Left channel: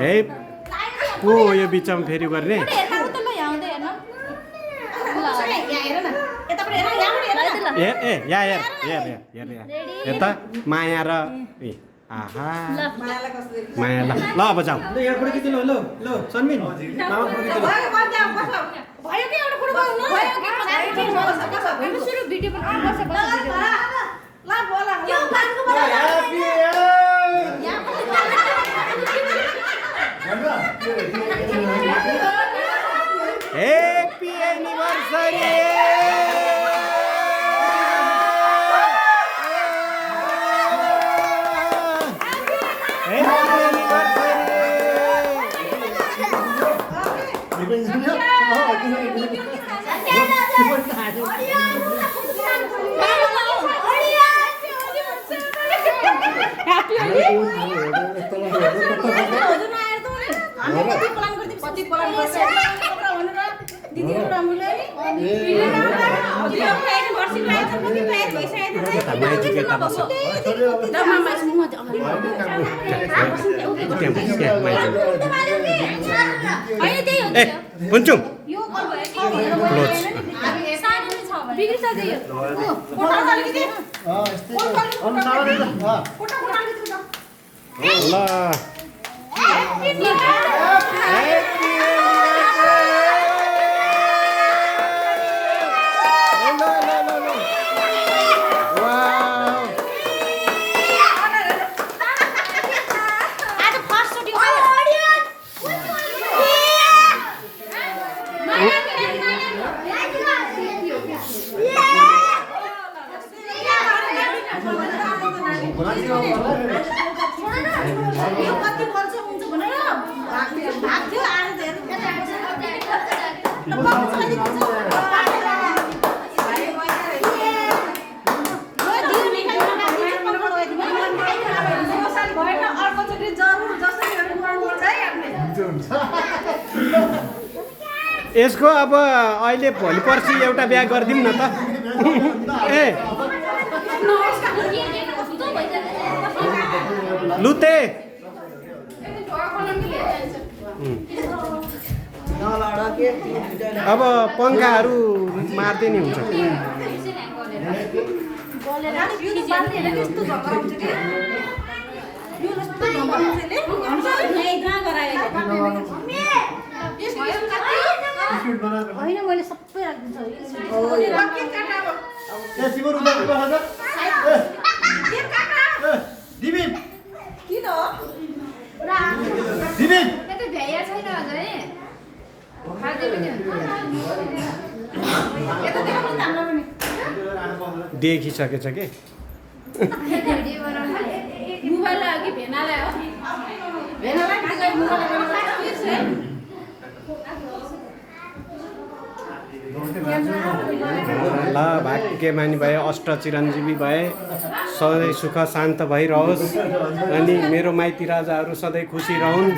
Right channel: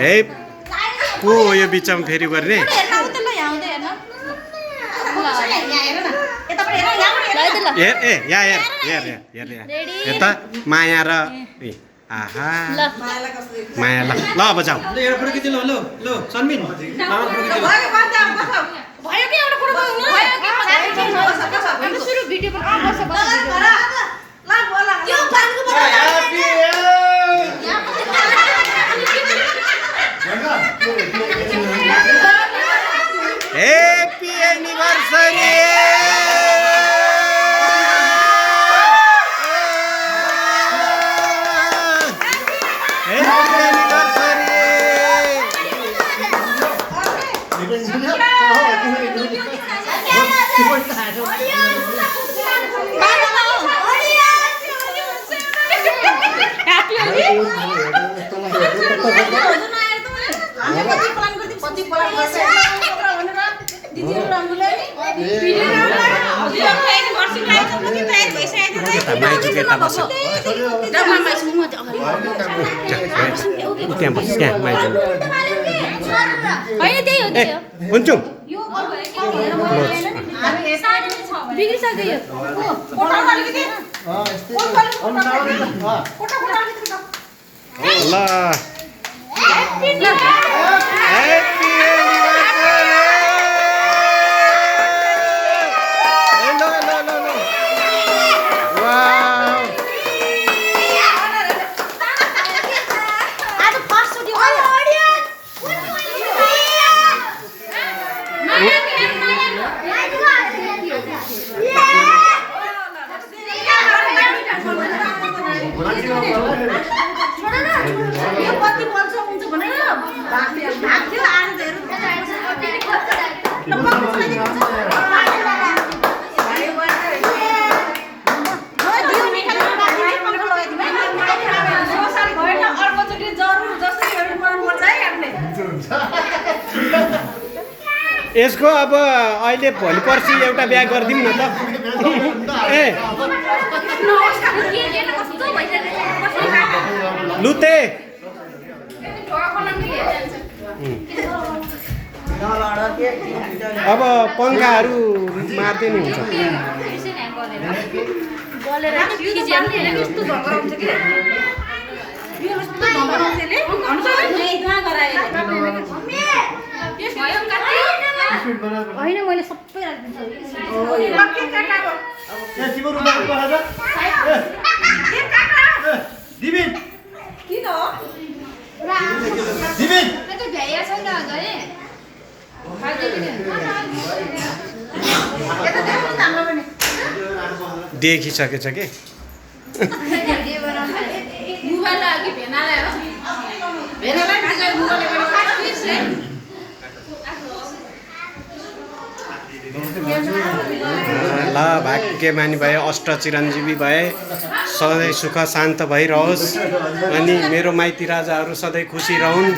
ए को हो यो बिचमा फेरि गर्ने यता माया र आहा माया ल ल अब जाऊ Happy anniversary! माइजुकेता बस हुन्छु ल यसको अब अहिले भोलि पर्सि एउटा बिहा गरिदिउँ न त ए लुते अब पङ्खाहरू मार्दै नि हुन्छ होइन मैले सबै देखिसकेछ के ल भाग्यमानी भए अष्ट चिरञ्जीवी भए सधैँ सुख शान्त भइरहोस् अनि मेरो माइती राजाहरू सधैँ खुसी रहन्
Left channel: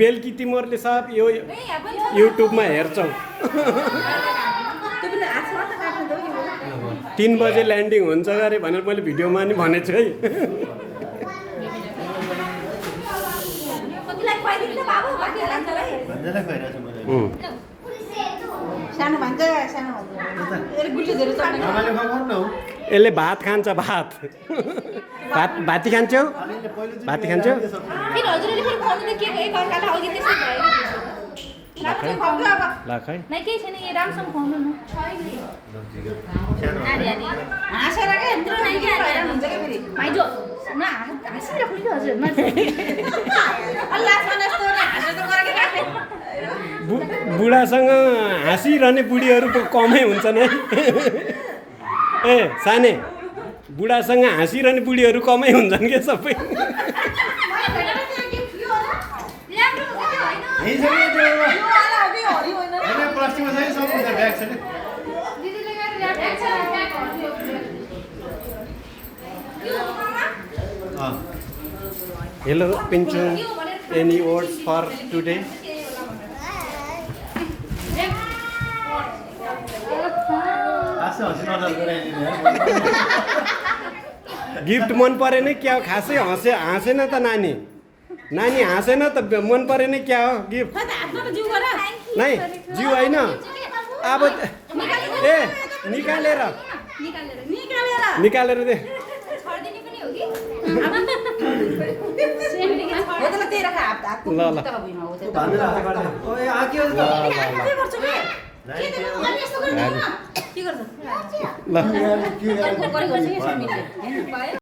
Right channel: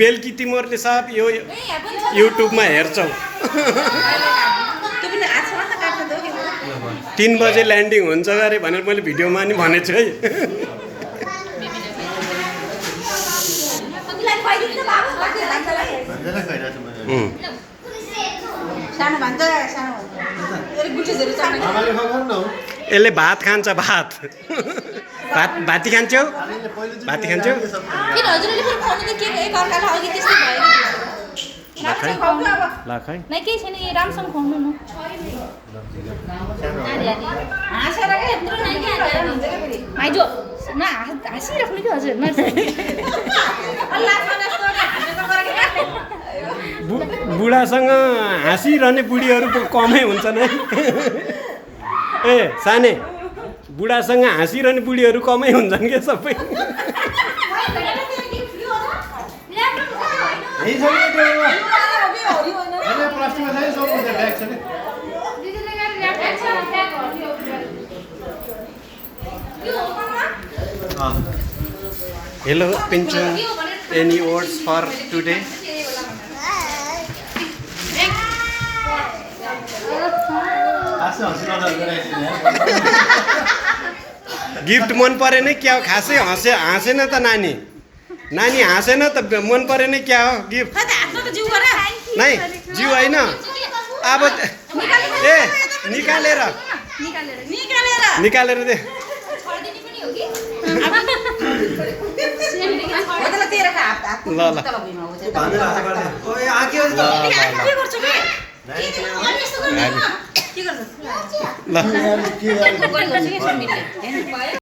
बेलुकी तिमीहरूले सब यो युट्युबमा हेर्छौ 3 बजे ल्यान्डिङ हुन्छ अरे भनेर मैले भिडियोमा नि भनेको छु है यसले भात खान्छ भात भाती खान्छौ भाती खान्छौ लाखै नै केही छैन यो राम्रोसँग खुवाउनु न माइजो न हाँसिराख्नु कि हजुर बुढा बुढासँग हाँसिरहने बुढीहरू पो कमै हुन्छन् है ए साने बुढासँग हाँसिरहने बुढीहरू कमै हुन्छन् क्या सबै hello Pinchu any words for today gift मन परेन क्या हो खासै हाँसेन त नानी नानी हाँसेन त मन परेन क्या हो गिफ्ट नै जिउ होइन अब ए निकालेर दे ल ल ल